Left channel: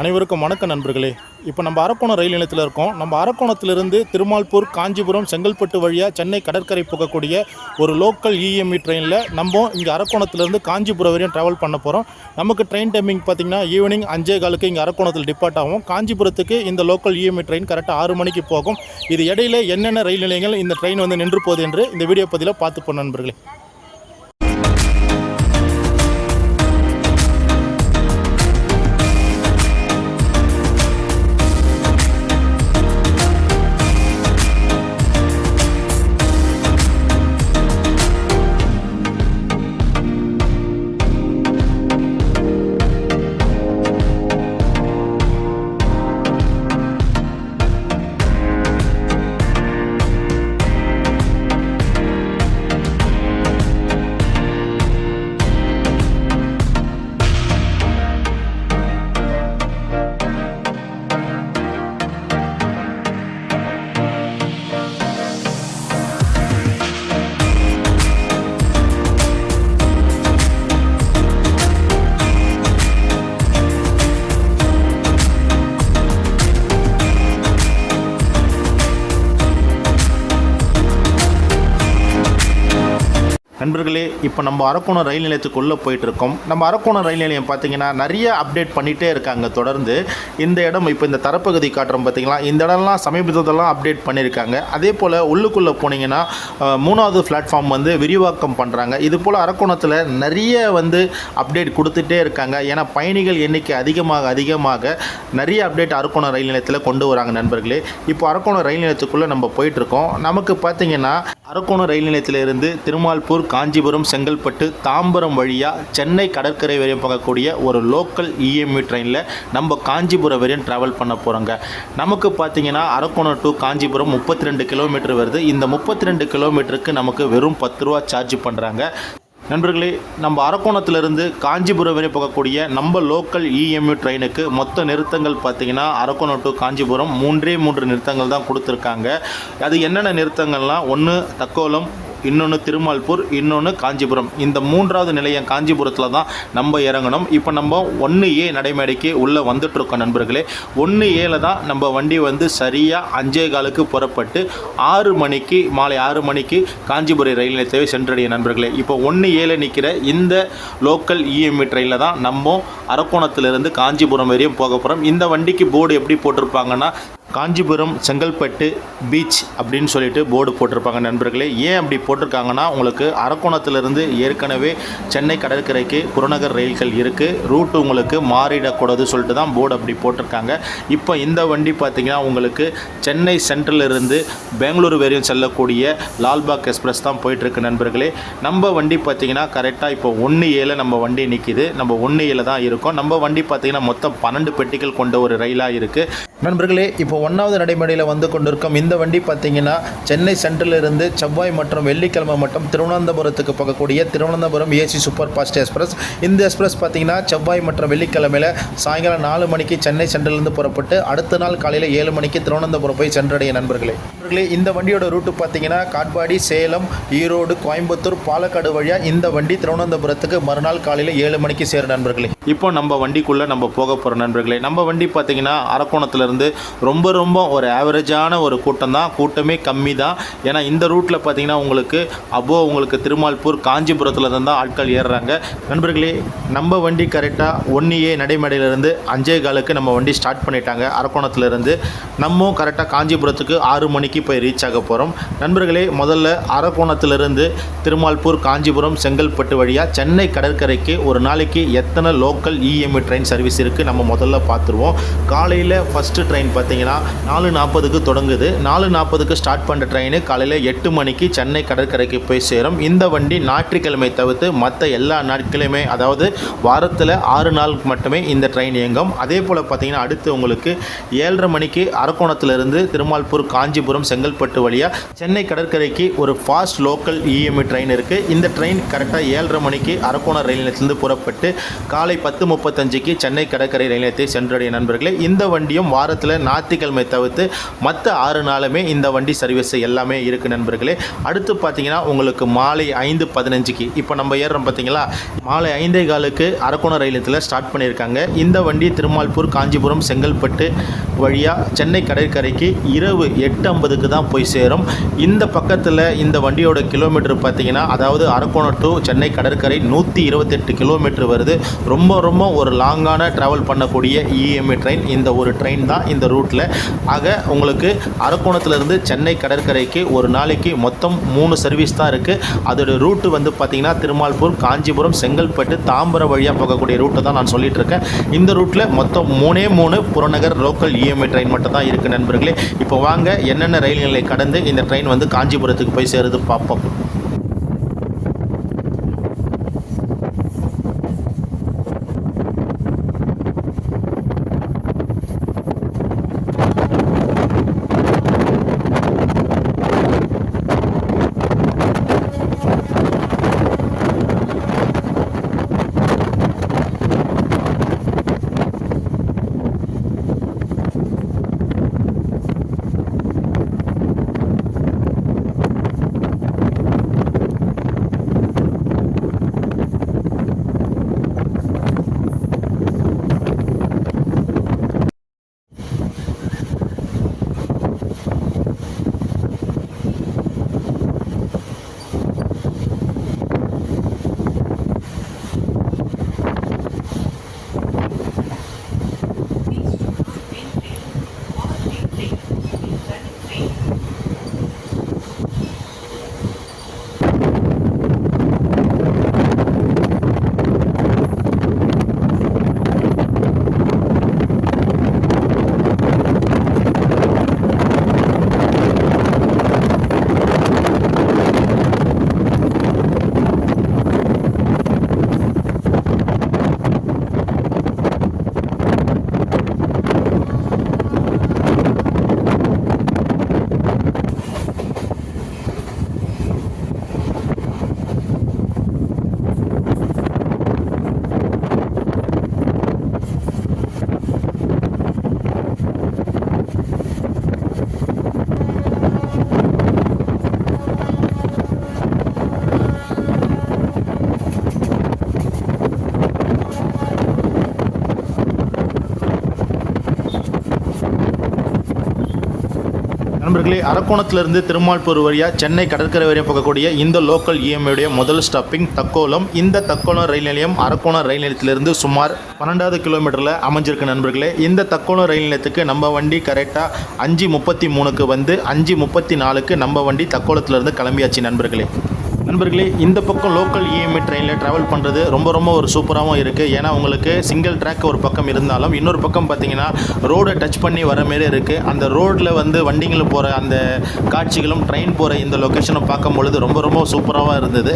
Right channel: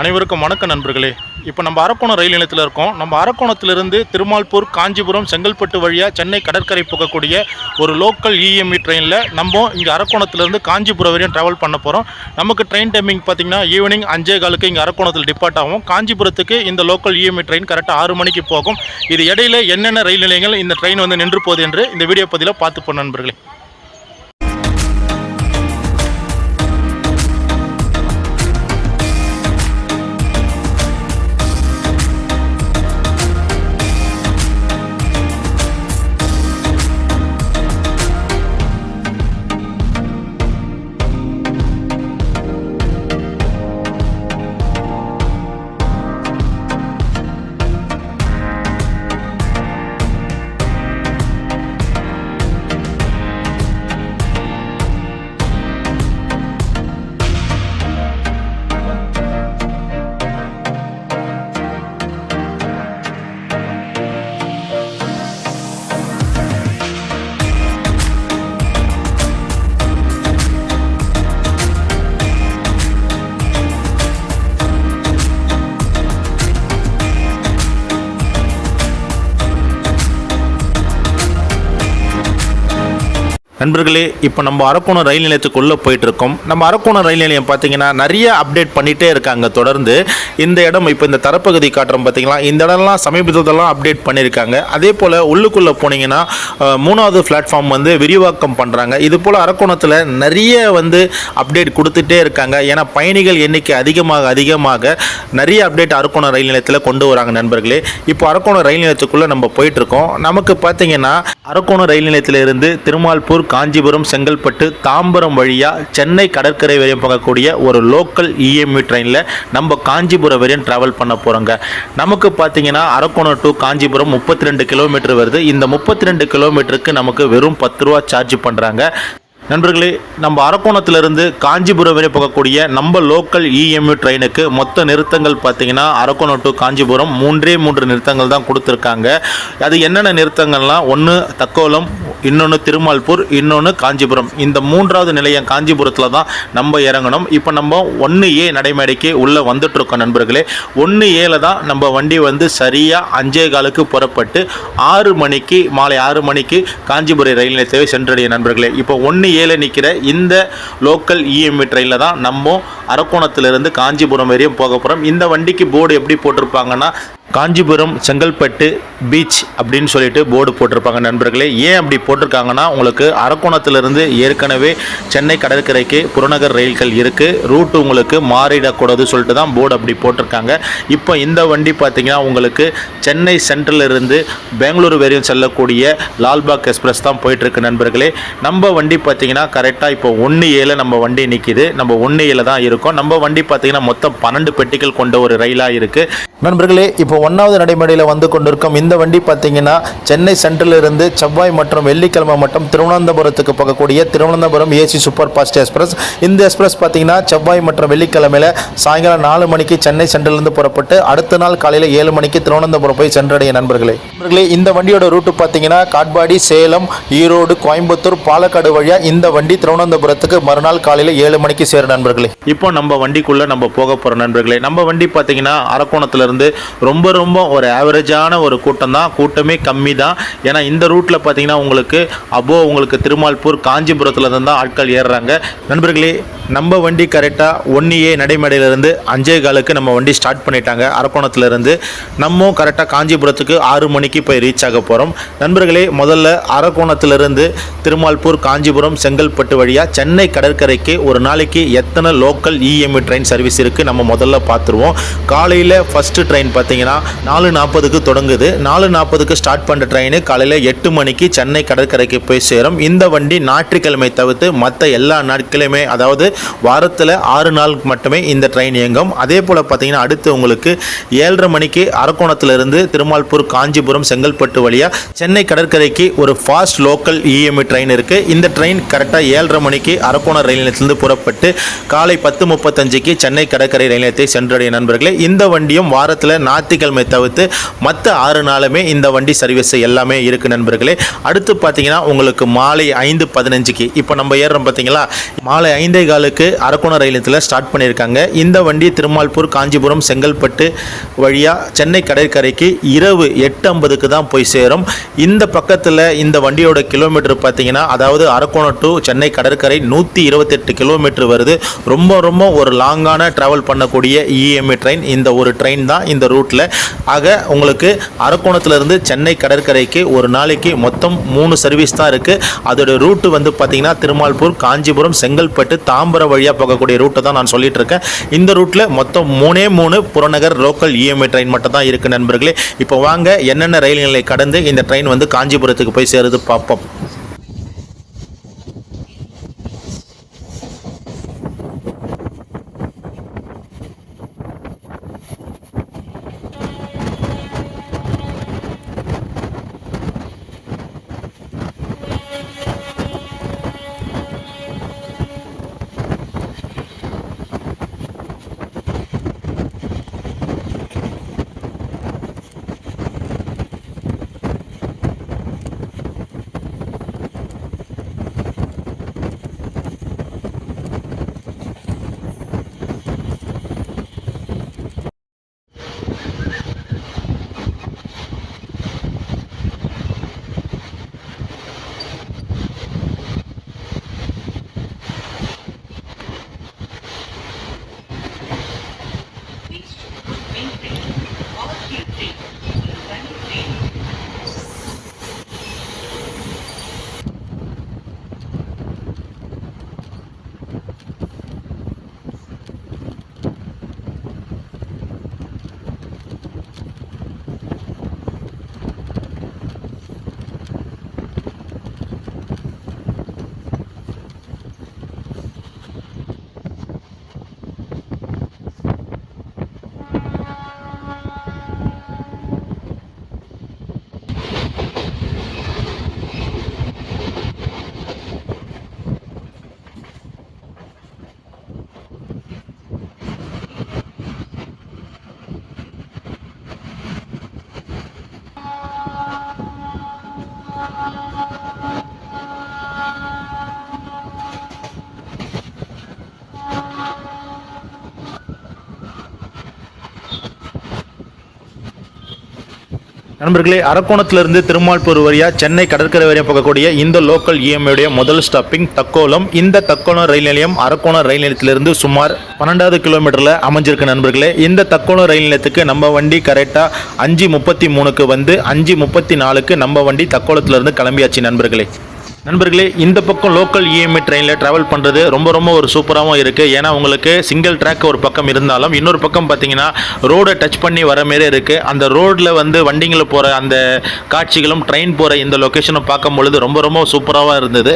அனைவருக்கும் வணக்கம் நண்பர்களே. இப்போ நம்ம அரக்கோணம் ரயில் நிலையத்தில் இருக்கோம். நம்ம அரக்கோணத்திலிருந்து திருமால்பூர், காஞ்சிபுரம், செங்கல்பட்டு வழியாக சென்னை கடற்கரை போகக்கூடிய ஒரு லோக்கல் இஎம்இ ட்ரெயினில் நம்ம இங்கே அரக்கோணத்திலிருந்து காஞ்சிபுரம் வரையும் ட்ராவல் பண்ண போகிறோம். நமக்கு ட்ரெயின் டைமிங் பார்த்திங்கன்னா ஈவினிங் 5:15 இங்கே அரக்கோணத்தில் டிபார்ட் ஆகும். காஞ்சிபுரத்துக்கு இந்த லோக்கல் இஎம்இ ட்ரெயின் கரெக்டாக 6 மணிக்கு போகும். இது இடையில என்னென்ன ரயில் நிலையங்கள் இந்த ட்ரெயின் வந்து நின்று போகுது என்று இந்த வீடியோ பதிவில் பார்த்துப்போம் நண்பர்களே. நண்பர்களே, இப்போ நம்ம அரக்கோணம் ரயில் நிலையத்துக்குள்ளே போயிட்டுருக்கோம். நம்ம அரக்கோணம் ரயில் நிலையம் பார்த்தீங்கன்னா நிறைய அப்டேட் பண்ணிகிட்டே இருக்காங்க தொடர்ந்து. இந்த இடம் இப்போ இந்த தரப்பகுதி காட்டுறோம் பார்த்தீங்களா, இந்த இடம்லாம் சமீபத்திலலாம் அப்டேட் பண்ணியிருக்காங்க. அதே போல் உள்ளுக்குள்ளே போனீங்கன்னா 3வது பிளாட்ஃபார்ம் வந்து விரிவாக்கம் பண்ணுறாங்க. இது போல் அரக்கோணத்தில் நிறைய வந்து அப்டேட் கொடுத்துட்டே இருக்காங்க. ஏன்னா பயணிகள் எண்ணிக்கை அதிகமாக நிறைய அப்டேட் அரக்கோணம் ரயில் நிலையத்தில் கொண்டு வராங்க நண்பர்களே. இப்போ அரக்கோணம் ரயில் நிலையத்துக்குள்ளே நம்ம போயிட்டுருக்கோம். நமக்கு பார்த்தீங்கன்னா அரக்கோணம் ரயில் நிலையத்திலிருந்து திருமால்பூர், காஞ்சிபுரம், செங்கல்பட்டு, தாம்பரம் வழியாக சென்னை கடற்கரை வரையும் போகக்கூடிய ஒரு லோக்கல் இஎம்இ ட்ரெயினில் நம்ம காஞ்சிபுரம் வரையும் ட்ராவல் பண்ண போகிறோங்க. நமக்கு பார்த்தீங்கன்னா அரக்கோணம் டு காஞ்சிபுரம் 32 கிலோமீட்டர் வருது. இந்த 32 கிலோமீட்டருக்கு நமக்கு வெறும் 10 ரூபா சார்ஜ் பண்ணுறாங்க. நண்பர்களே, நம்ம அரக்கோணத்திலிருந்து காஞ்சிபுரம் வரை போகக்கூடிய நம்ம லோக்கல் இஎம்இ ட்ரெயினுக்கு மொத்த நிறுத்தங்கள் பார்த்தீங்கன்னா அரக்கோணம் டு காஞ்சிபுரம் 3 நிறுத்தங்கள் தான் கொடுத்துருக்காங்க. அது என்னென்ன நிறுத்தங்கள்லாம், ஒன்று தக்கோலம், இன்னொன்று திருமால்பூர், இன்னொன்று காஞ்சிபுரம். இந்த 3வது நிலையம் காஞ்சிபுரத்தில் தான் நம்ம இறங்கணும். இப்போ நம்ம 1A நடைமேடைக்கு உள்ளே வந்துட்டுருக்கோம் நண்பர்களே. 1Aல தான் நம்ம வண்டி வந்து சரியாக 5:15 புறப்பட்டு 6 மணிக்கு, மாலை 6 மணிக்கு காஞ்சிபுரம் ரயில் நிலையத்தை சென்றடைய நண்பர்களே. இப்போ 1Aல நிற்கிற இந்த லோக்கல் இஎம்இ ட்ரெயினில் தான் நம்ம அரக்கோணத்திலிருந்து காஞ்சிபுரம் வரையும் போக போகிறோம். இந்த வண்டிக்கு போர்டு எப்படி போட்டிருப்பாங்கன்னா காஞ்சிபுரம் செங்கல்பட்டு பீச் அப்படின்னு சொல்லிட்டு போர்டு போட்டிருப்பாங்க நண்பர்களே. ஏன் அப்படி போட்டிருக்காங்கன்னா, உங்களுக்கு அரக்கோணத்திலிருந்து ஏற்கனவே சென்னை கடற்கரைக்கு புறநகர் ரயில்கள் இருக்குது, ரூட்டு உங்களுக்கு மாறிடக்கூடாது சொல்லிட்டு தான் போர்டு அப்படி போட்டிருக்காங்க. இப்போ இந்த வண்டி பார்த்திங்கன்னா உங்களுக்கு சென்னை சென்ட்ரலிருந்து பெங்களூரு வரையும் செல்லக்கூடிய லால்பாக் எக்ஸ்பிரஸ் தான் போயிட்டுருக்கு நண்பர்களே. நம்ம வண்டி பார்த்திங்கன்னா கரெக்டாக இப்போ 1Aல நம்ம வண்டி நிற்கிது. நம்ம 1Aல தான் இருக்கோம். நம்ம வண்டி பார்த்திங்கன்னா மொத்தம் 12 பெட்டிகள் கொண்ட ஒரு ரயிலாக இருக்குது நண்பர்களே. இப்போ 1வது நடைமேடையில் வந்து கொண்டிருக்கும் இந்த வண்டி பார்த்தீங்கன்னா சென்னை சென்ட்ரலிருந்து செவ்வாய் மற்றும் வெள்ளிக்கிழமை மட்டும் திருவனந்தபுரத்துக்கு போகக்கூடிய Thiruvananthapuram AC super fast express. இந்த எக்ஸ்பிரஸ் பார்த்தீங்கன்னா செவ்வாய் மற்றும் வெள்ளிக்கிழமையில் சாயங்காலம் 4 மணிக்கு சென்னை சென்ட்ரலிருந்து புறப்பட்டு அடுத்த நாள் காலையில் 7 மணிக்கு திருவனந்தபுரம் போய் சென்றடைய நண்பர்களே. இந்த வண்டியோட ரூட்டு பார்த்தீங்கன்னா காட்பாடி, சேலம், ஈரோடு, கோயம்புத்தூர், பாலக்காடு வழியாக இந்த வண்டி திருவனந்தபுரத்துக்கு மறுநாள் காலையில் 7 மணிக்கு சேரும் நண்பர்களே. இப்போ நம்ம வண்டிக்குள்ளே நம்ம போக போகிறோம் நண்பர்களே. நம்ம வண்டி பார்த்தீங்கன்னா அரக்கோணத்தில் ரொம்ப ஒரு ஆவரேஜான ஒரு கூட்டம் தான், கூட்டமே கம்மி தான். ஏன்னா இந்த ரூட்டில் பார்த்தீங்கன்னா உங்களுக்கு திருமால்பூர், காஞ்சிபுரத்தில் தான் ஆட்கள் ஏறுறாங்க நண்பர்களே. நம்ம வண்டி கரெக்டாக 1A நடைமேடையிலிருந்து 5:15 நம்ம வண்டி ஸ்டார்ட் பண்ணிட்டாங்க. அரக்கோணத்திலிருந்து நம்ம கரெக்டாக காஞ்சிபுரத்துக்கு 6 மணிக்கு போய் ரீச் ஆக போகிறோம் நண்பர்களே. முதல்ல அரக்கோணத்திலிருந்து திருமால்பூர், காஞ்சிபுரம், செங்கல்பட்டு வழியாக சென்னை கடற்கரைக்கு ஒரு நாளைக்கு எத்தனை லோக்கல் இஎம்இ ட்ரெயின் சர்வீஸ் இருக்குது நம்ம முதல்ல பார்த்துருவோம். காலையில் ஃபஸ்ட்டு ட்ரெயின் பார்த்தீங்கன்னா 4:40க்கு தொடங்குது. 4:40க்கு ஸ்டார்ட் பண்ணுற ட்ரெயின் காலையில் 8 மணிக்கு சென்னை கடற்கரைக்கு போய் சேரும். இந்த வண்டி ஞாயிற்றுக்கிழமை தவிர்த்து மற்ற எல்லா நாட்களுமே, அதாவது வாரத்தில் 6 நாளுக்கு மட்டுமே இந்த ட்ரெயின் இயங்கும். அதே போல் பார்த்தீங்கன்னா அடுத்து உங்களுக்கு 7:30 மணிக்கு அரக்கோணத்திலிருந்து திருமால்பூர், காஞ்சிபுரம், செங்கல்பட்டு வழியாக சென்னை கடற்கரைக்கு ஒரு ஃபாஸ்ட் லோக்கல் இஎம்இ ட்ரெயின் இருக்குது. இந்த ட்ரெயின் கரெக்டாக 7:30 மணிக்கு அரக்கோணம் ரயில் நிலையத்திலிருந்து புறப்பட்டு காலை 10:35க்கு சென்னை கடற்கரை ரயில் நிலையத்தை சென்றடைய நண்பர்களே. இந்த வண்டியும் வாரத்தில் ஞாயிற்றுக்கிழமை திங்கட்கிழமை தவிர்த்து மற்ற 6 நாளுமே இந்த வண்டி சர்வீஸ் எல்லாமே இருக்குது நண்பர்களே. அடுத்து பார்த்தீங்கன்னா உங்களுக்கு மாலை 5:15க்கு இப்போ நம்ம ஏறுறோம் பார்த்தீங்களா, மாலை 5:15க்கு அரக்கோணம் ரயில் நிலையத்தில் ஸ்டார்ட் பண்ணியிருக்காங்க. இந்த வண்டி திருமால்பூர், காஞ்சிபுரம், செங்கல்பட்டு வழியாக சென்னை கடற்கரைக்கு இரவு 8:50க்கு தான் போய் சேரும். இந்த பக்கத்தில் இந்த வண்டியோட கிலோமீட்டர் பார்த்தீங்கன்னா, அதாவது அரக்கோணம் டு சென்னை கடற்கரை 128 கிலோமீட்டர் வருது. ரொம்ப ரொம்ப ஒரு லாங்கான ட்ராவல் பண்ணக்கூடிய இஎம்ஐ ட்ரெயின் இந்த ஒரு ட்ரெயின் தான் இந்த ரூட்டில். ஆக உங்களுக்கு அரக்கோணத்திலிருந்து சென்னை கடற்கரைக்கு ஒரு நாளைக்கு மொத்தம் 3 சர்வீஸ் தான் இருக்குது. அதோட ரூட்டு வந்து பார்த்தீங்கன்னா திருமால்பூர், காஞ்சிபுரம், செங்கல்பட்டு, தாம்பரம் வழியாக போகக்கூடிய ரூட்டை தான் நான் சொல்லிட்டு இருக்கேன். இந்த ரூட்டில் மொத்தம் 3 புறநகர் லோக்கல் இஎம்ஐ ட்ரெயின் மட்டும் தான் இருக்குது நண்பர்களே. இப்போ வாங்க என்னென்ன ரயில் நிலையை கடந்து இந்த ட்ரெயின் வந்து காஞ்சிபுரத்துக்கு போய் சேருது பார்ப்போம். நண்பர்களே, அரக்கோணத்திலிருந்து திருமால்பூர் வழியாக சென்னை கடற்கரை வரையும் போகக்கூடிய இந்த லோக்கல் இஎம்ஐடைய முதல் ஸ்டாப்பிங் தக்கோலம். இந்த தக்கோலம் ரயில் நிலையம் அரக்கோணம் ரயில் நிலையத்திலிருந்து சுமார் 12வது கிலோமீட்டரில் அமைஞ்சிருக்கு நண்பர்களே. இந்த தக்கோலம் ரயில் நிலையத்துக்கு நம்ம வண்டி கரெக்டாக 5:33க்கு வந்து 5:34க்கு நம்ம வண்டி தக்கோலத்திலிருந்து கிளம்பியாச்சு நண்பர்களே. இந்த பக்கம் லோக்கல் இஎம்ஐ ட்ரெயினில் ட்ராவல் பண்ணுறது ரொம்ப ரொம்ப ஒரு சூப்பராகவும் இருக்குது. ஏன்னா உங்களுக்கு சிங்கிள் ட்ராக் ஒரு பக்கம் இருந்தாலும் இன்னொரு பக்கம் பார்த்தீங்கன்னா ரோடை டச் பண்ணி வர மாரி இருக்குது. அந்த ரோடில் வந்து வண்டிங்களை போகிற அந்த காட்சிகளும் ட்ரெயின் போகிற இந்த லொக்கேஷனும் பார்க்கும் பொழுது ரொம்ப ரொம்ப சூப்பராகவும் இருந்தது.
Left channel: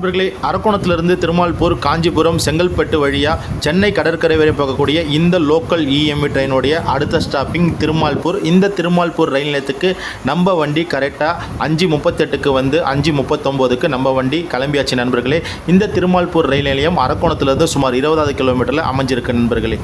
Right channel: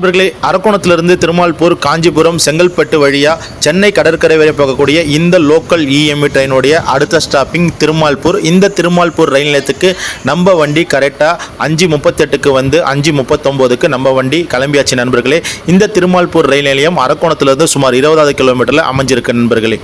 நண்பர்களே, அரக்கோணத்திலிருந்து திருமால்பூர், காஞ்சிபுரம், செங்கல்பட்டு வழியாக சென்னை கடற்கரை வரை போகக்கூடிய இந்த லோக்கல் இஎம்இ ட்ரெயினுடைய அடுத்த ஸ்டாப்பிங் திருமால்பூர். இந்த திருமால்பூர் ரயில் நிலையத்துக்கு நம்ம வண்டி கரெக்டாக 5:38க்கு வந்து 5:39க்கு நம்ம வண்டி கிளம்பியாச்சு நண்பர்களே. இந்த திருமால்பூர் ரயில் நிலையம் அரக்கோணத்திலிருந்து சுமார் 20 கிலோமீட்டரில் அமைஞ்சிருக்கு நண்பர்களே.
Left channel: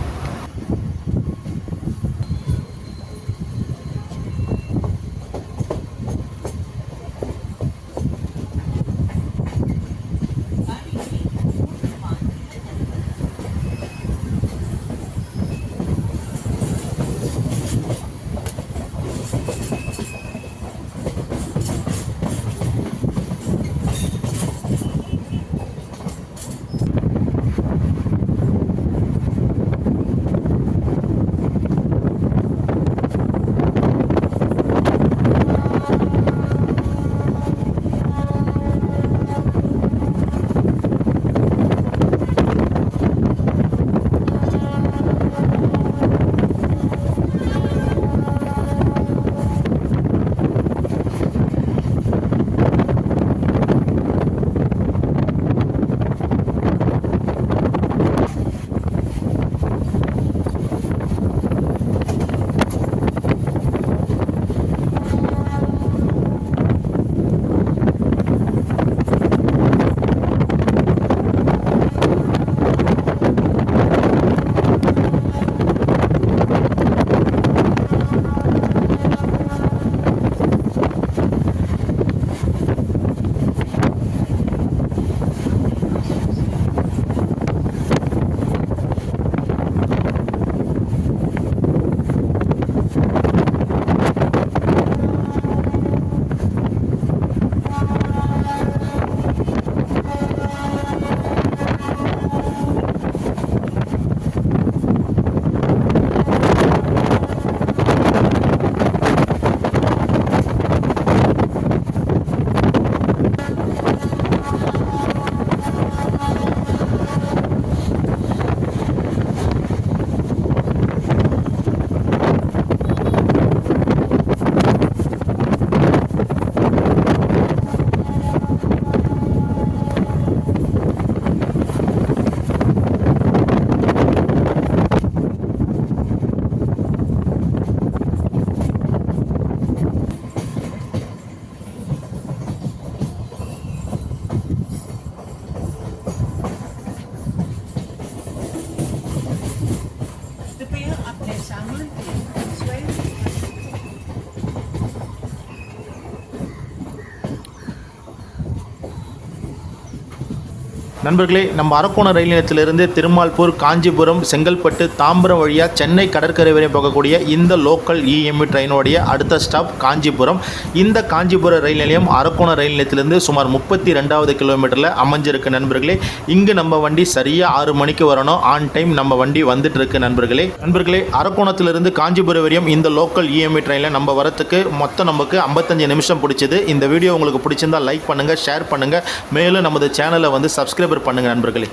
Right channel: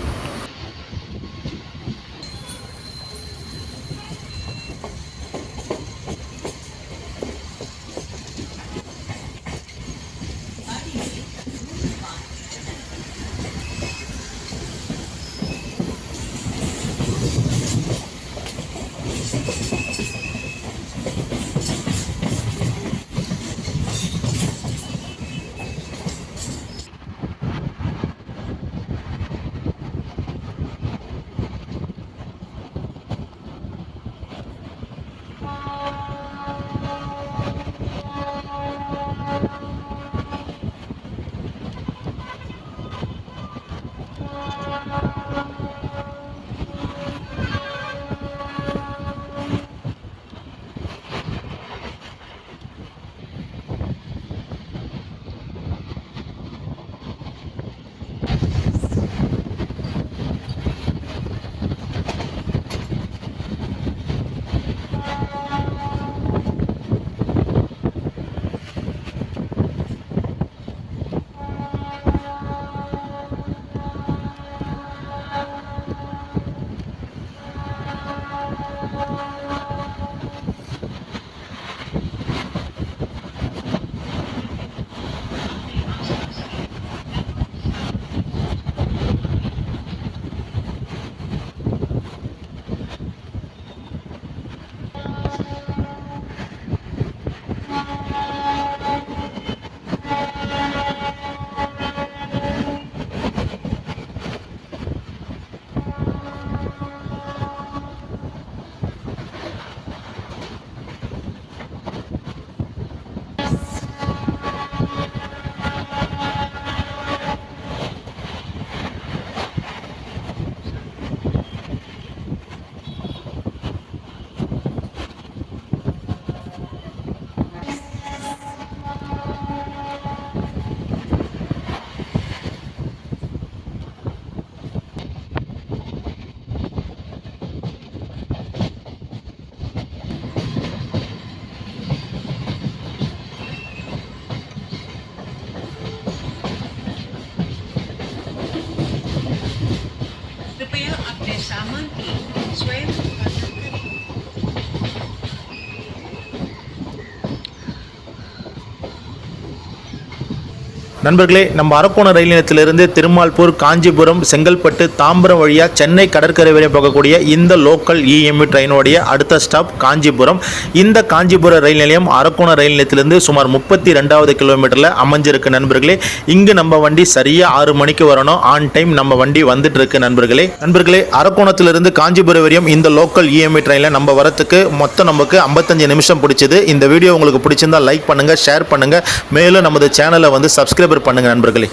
நண்பர்களே, நம்ம அரக்கோணம் ரயில் நிலையத்திலிருந்து திருமால்பூர், காஞ்சிபுரம், செங்கல்பட்டு, தாம்பரம் வழியாக சென்னை கடற்கரை வரை போகக்கூடிய இந்த லோக்கல் இஎம்இ ட்ரெயினுடைய அடுத்த ஸ்டாப் காஞ்சிபுரம். இந்த காஞ்சிபுரம் ரயில் நிலையம் அரக்கோணம் ரயில் நிலையத்திலிருந்து சுமார் 32வது கிலோமீட்டரில் அமைஞ்சிருக்கு நண்பர்களே. இங்கு நம்ம வண்டி சரியாக 6 மணிக்கு வரணும். ஆன் டைம் நம்ம வண்டி வந்துட்டு இருக்கு நண்பர்களே. அரக்கோணத்திலிருந்து காஞ்சிபுரம் வரையும் இந்த லோக்கல் இஎம்இ ட்ரெயினில் நம்ம வரத்துக்கு மொத்தம் நமக்கு 55 நிமிஷம் பிடிச்சது. இந்த வீடியோ உங்களுக்கு பிடிச்சிருந்தா லைக் பண்ணுங்கள், ஷேர் பண்ணுங்கள், மேலும் நமது சேனலை வந்து சப்ஸ்கிரைபர் பண்ணுங்க நண்பர்களே.